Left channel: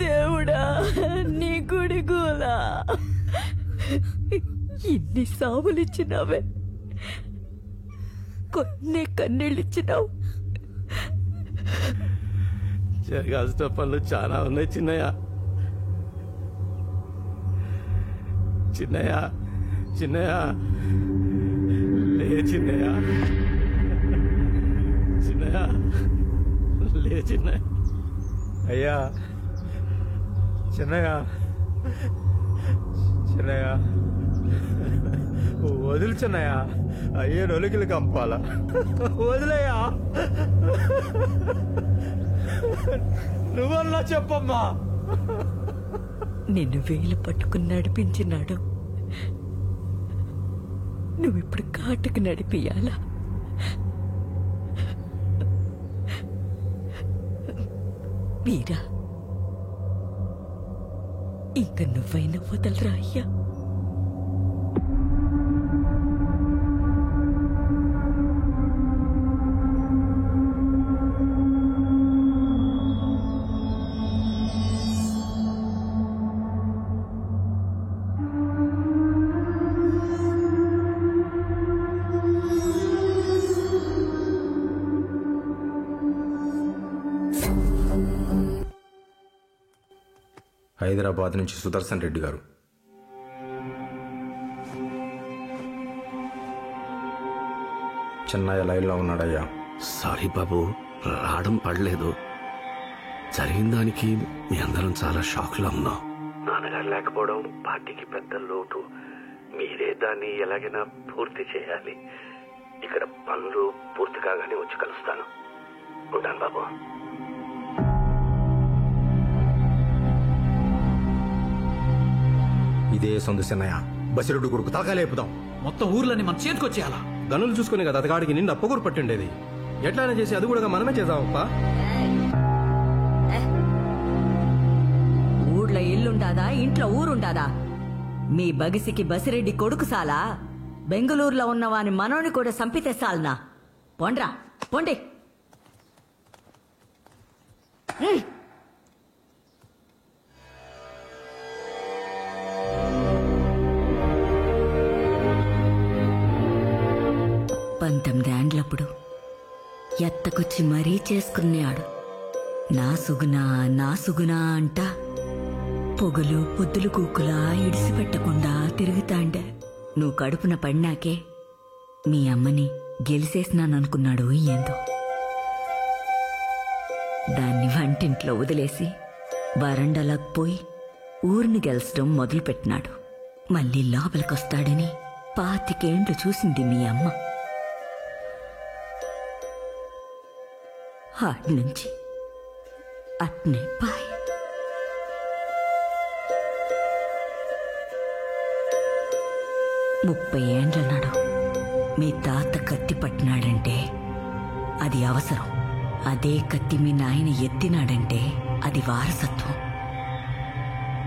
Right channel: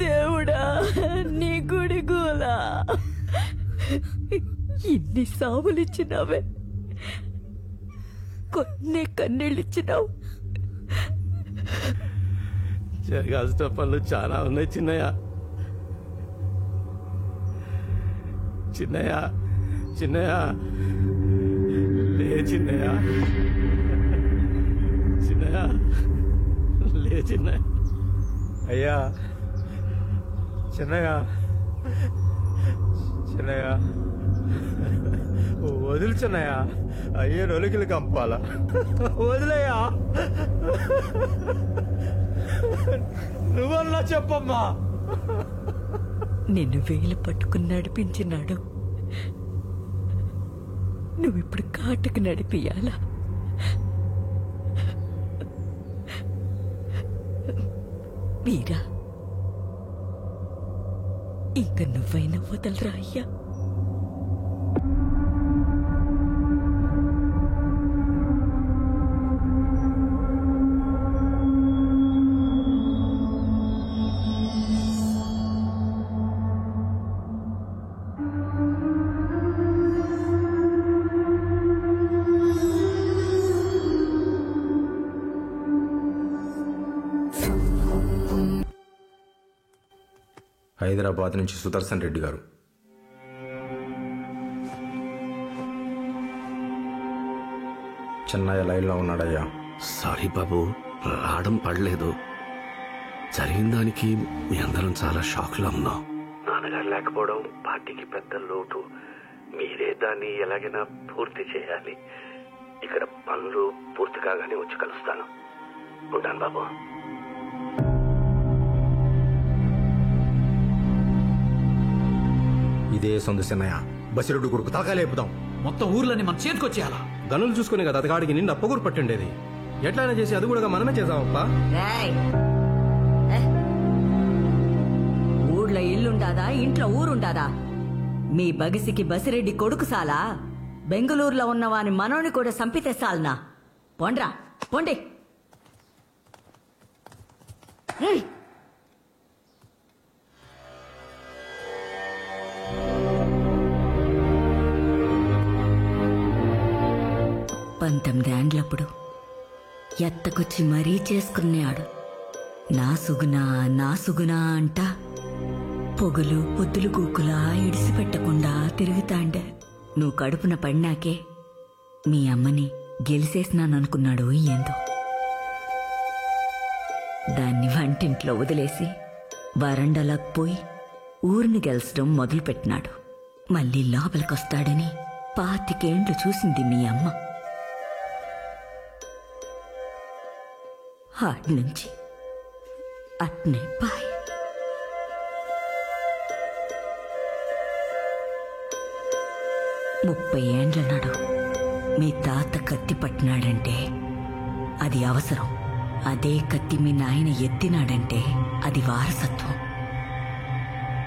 దేవుడా నీ గుడి గోలా ఇన్ని సావులిచ్చినావే, కొన్ని కన్నీళ్ళిచ్చినావు. జరగాల్సిన పనులు చాలా ఉన్నాయి చిన్నయ్య. చిన్నయ్య చిన్నయ్య లే చిన్నయ్య, చిన్నయ్య లే చిన్నయ్య. అయ్యా చిన్నయ్య, చిన్నయ్య వదిలి చిన్నయ్య, అయ్యే నొలికిలు కంపాలా, వదిలేయా. నువ్వన్నా చెప్పమ్మా. నిన్ను వేలు పట్టుకుని నడిపించినాడు, నువ్విప్పుడు కాటుకు నడిపియాలా? వీరా, ఇంక నువ్వైనా వదలరా అయ్యా. హైదరాబాద్ నుంచి సుదర్శన్ రెడ్డి గారు. చెన్నయ్య లైన్లో ఉన్నాడయ్యా. సారీ బాబు, రావడం పడలేదు. జరిగిన దానికి మీ అందరం చాలా షాక్లో ఉన్నాం. నాన్నగారు లేకపోవడం పార్టీకి పెద్ద లోటు. మీరే దాన్ని ఎలాగైనా పూర్తి చేయాలి. ఇక్కడ పనులు పూర్తి కాగానే వచ్చి కలుస్తాను. ఉంటాను బాబు. ఇదే సొంత చెన్నయ్య, బసిరెడ్డి కొడుకు తలకాలేపుదాం. మొత్తం ఊర్లని మన చేతికొచ్చేయాలా? గనులు చూసుకుని కదా అతగాడికి నిండు అప్పగూరు పట్టిండేది. ఎట్లయినా చేసి అది కూడా మనమే చేద్దామప్ప. ఊళ్ళో ఇల్లుండాదా, ఇంట్లో ఊరుండాదా? మీ బగిసికి బసిరెడ్డి కొడుకు సాలా? బెంగళూరులో ఉన్నవాని మనోని కూడా సంపితే సాల్నా? పొండ్రా, పొండి. పంతొమ్మిదేండ్లప్పుడు ఎత్తకొచ్చి మరీ చేసుకున్నాడు. నా సుగునా అంట పొగలు పొద్దులు కూకులా ఇడిసిపెట్టకుండా తిరుగుతాండే. నువ్వు కడుపున పడినాకే మీ అమ్మని గెలిసేసినాననుకున్నాడు ఏందో. దాన్ని వంటింట్లో వదిలేసి వరండాలకు పోయి ఊరిని గెలిచడం మొదలుపెట్టినాడు. మళ్ళీ లోపలికొస్తాడని 25 ఏండ్లు చూసింది మీ అమ్మ. ఆడ్నుంచి అట్నే బాయ్. ముప్పై ఏండ్ల నాడు మీ తాత కత్తి పట్టినాడంటే అది అవసరం. అదే కత్తి మీ నాయన ఎత్తినాడంటే అది వారసత్వం.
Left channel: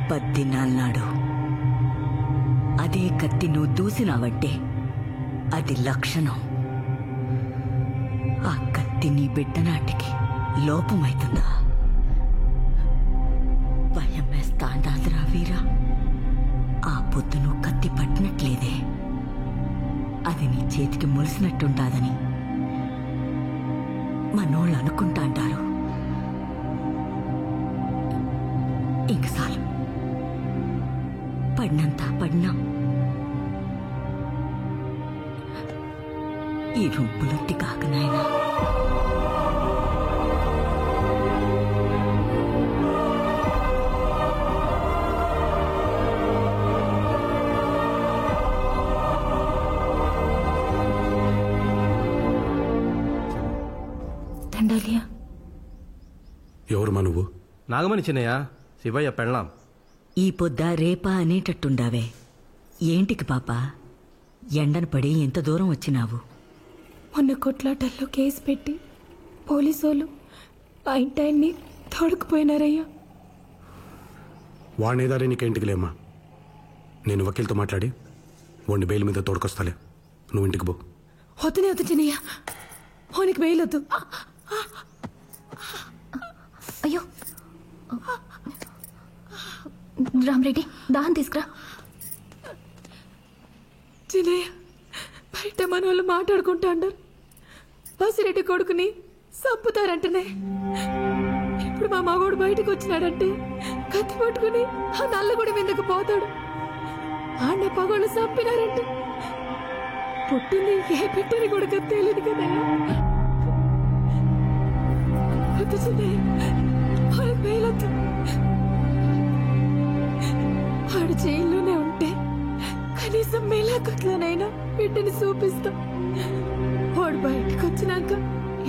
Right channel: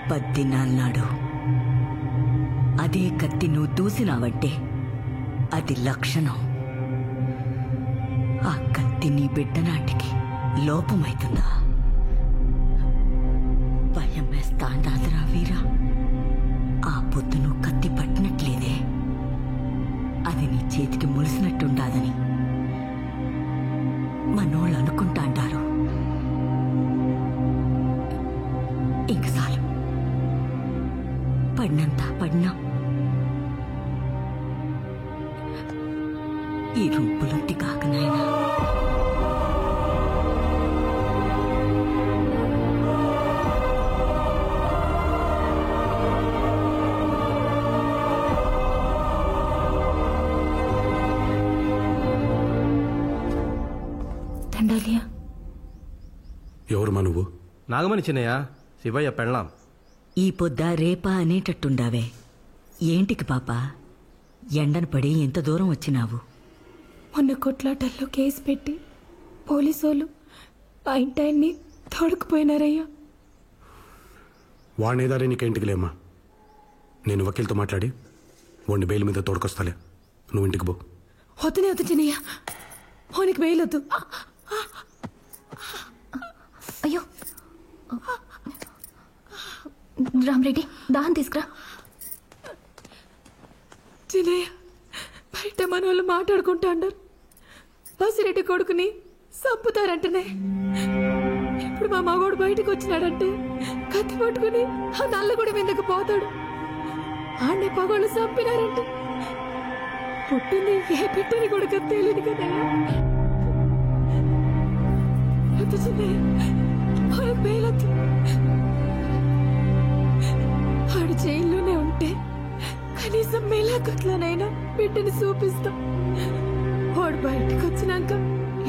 10 దినాల నాడు అదే కత్తి నువ్వు దూసినావంటే అది లక్షణం. ఆ కత్తి నీ బిడ్డ నాటికి లోపమైతుందా? భయమేస్తాండాదిరా వీరా. ఆ పొద్దు నువ్వు కత్తి పట్టినట్లేదే, అది నీ చేతికి ములిసినట్టుంటాదని మనోళ్ళు అనుకుంటా అంటారు. ఇంక చాలు, పడినంత పడినా. ఈ రొంపులొత్తి కాక నాయనా. దండాలియా. ఎవరుమా నువ్వు? నాగమణి చిన్నయ్య, శివయ్య పెళ్ళాం. ఈ పొద్ద రేపా అనేటట్టుండావే. ఏంటికి పాపా ఎండను పడి ఎంత దూరం వచ్చినావు? మొన్న కొట్లాటల్లో కేసు పెట్టి పోలీసోళ్ళు ఆ ఇంటాయన్ని తోడుకుపోయినారయ్యా. వాడినేదారే నీకేంటికి లేమ్మా. నేను వకీల్తో మాట్లాడి వాడిని బెయిల్ మీద తోడుకొస్తాలే. నువ్వు ఇంటికి పో. వద్దునే వద్దు చిన్నయ్య, ఓనికి బెయిల్ వద్దు. అయ్యో రామరెడ్డి, దాహం తీసుకురా. చిన్నయ్య, బయట మన వాళ్ళు మాట్లాడుకుంటా అన్నారు. బసిరెడ్డి కొడుకుని చంపుతారంటనే. ఇప్పుడు మా మగోడు బయటకు వచ్చినాడంటే కత్తి పట్టుకుని ఆ నల్లగుడి మీదకు పోతాడు. ఆడనే పగోళ్ళు చంపినారంటే పుట్టింది ఏ బిడ్డని కూడా తెలియదు కదయ్యా. వద్దు చిన్నయ్య, వాడికి బెయిలొద్దు. వాడు జైల్లోనే ఉంటే కనీసం మేలాకొట్లోనైనా బిడ్డని చూపిస్తాం. వాడు బయటకు వచ్చినాక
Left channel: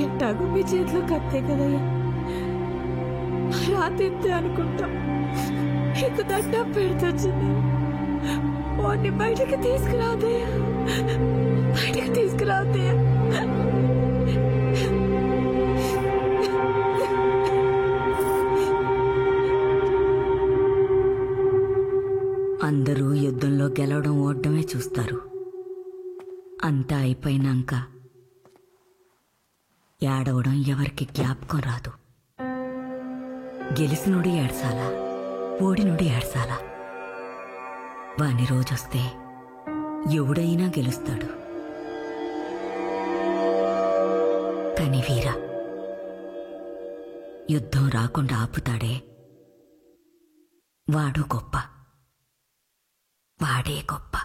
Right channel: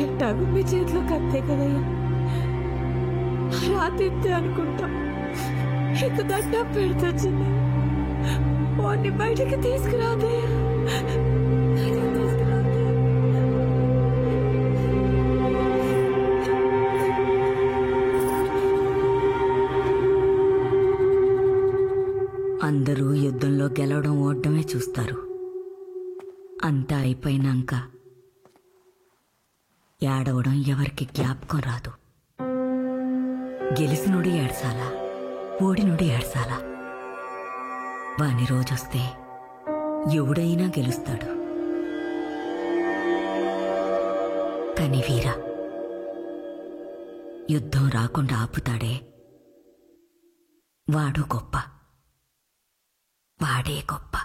ఎట్టాగు మీ చేతిలో కత్తే కదయ్యా. రాతిద్దే అనుకుంటాం. ఇక దడ్డ పెడుతొచ్చింది. వాడిని బయటకు తీసుకురాదయ్యా, బయటకు తీసుకురాదయ్యా. అందరూ యుద్ధంలో గెలవడం ఓడమే చూస్తారు. అంతా అయిపోయినాక ఏడవడం ఎవరికి జ్ఞాపకం రాదు. గెలిసినోడు ఏడ్సాలా, ఓడినోడు ఏడ్సాలా? వాని రోజొస్తే ఎవడైనా గెలుస్తాడు. కాని వీరా యుద్ధం రాకుండా ఆపుతాడే వాడు గొప్ప, వాడే గొప్ప.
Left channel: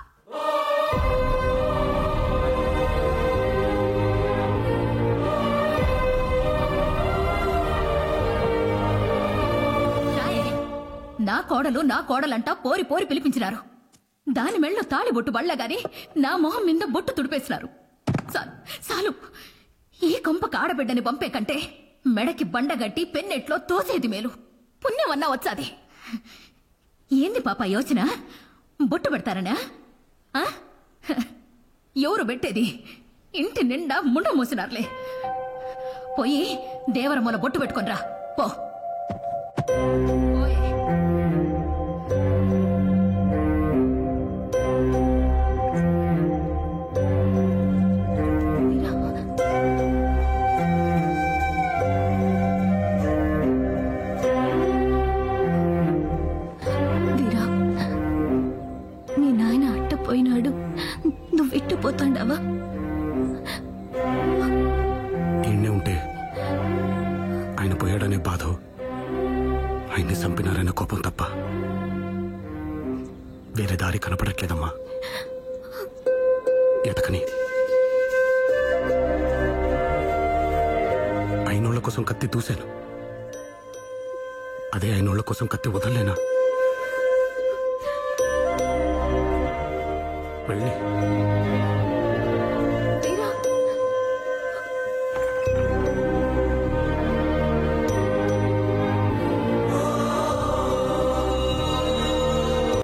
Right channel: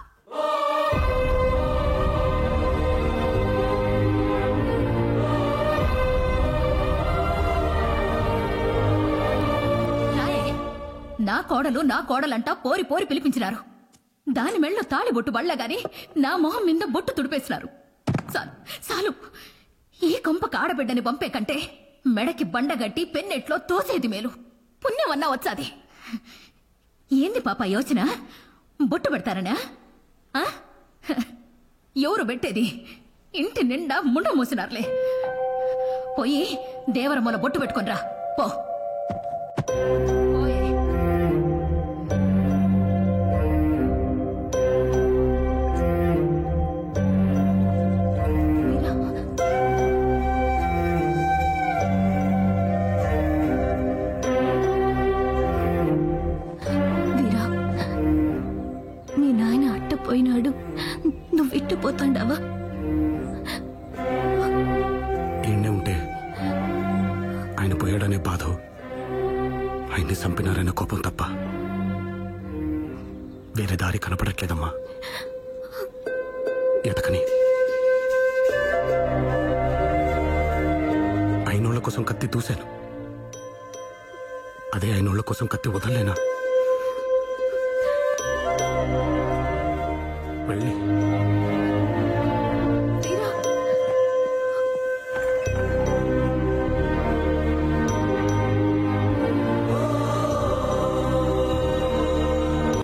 నా కోడలంటా పోరి పోరి పిలిపించినారు. దాని మెళ్ళో తాళి బొట్టు బళ్ళగాని నా మొహం మీద బొట్టు తుడిపేసినారు. చాలు, ఈ కొంపకు ఆడబిడ్డని పంపే కంటే మెడకి బండగట్టి పెన్నెట్లో తోసేది మేలు. పుణ్యమన్నా వచ్చాది. ఏంది పాప యోచన? బొట్టు పెడతారనా? ఎవరు పెట్టేది? ఇంటి నిండా ముండ మూసినారులే. పోయి దేవరమ్మల బొట్టు పెట్టుకొనిరా పో. నాయన అట్టపోయినాడు, నువ్వెట్టు పోతాండావా? ఈయనే ఉంటే ఆయన పోయాడనే బాధ, ఆయన్ని చంపినారనే కోపం తప్ప వేరే దారి కనపడట్లేదమ్మా. ఎతకని అయినోళ్ల కోసం కత్తి దూశాను, అదే అయినోళ్ల కోసం కత్తి వదలలేనా? వెళ్ళి తీరా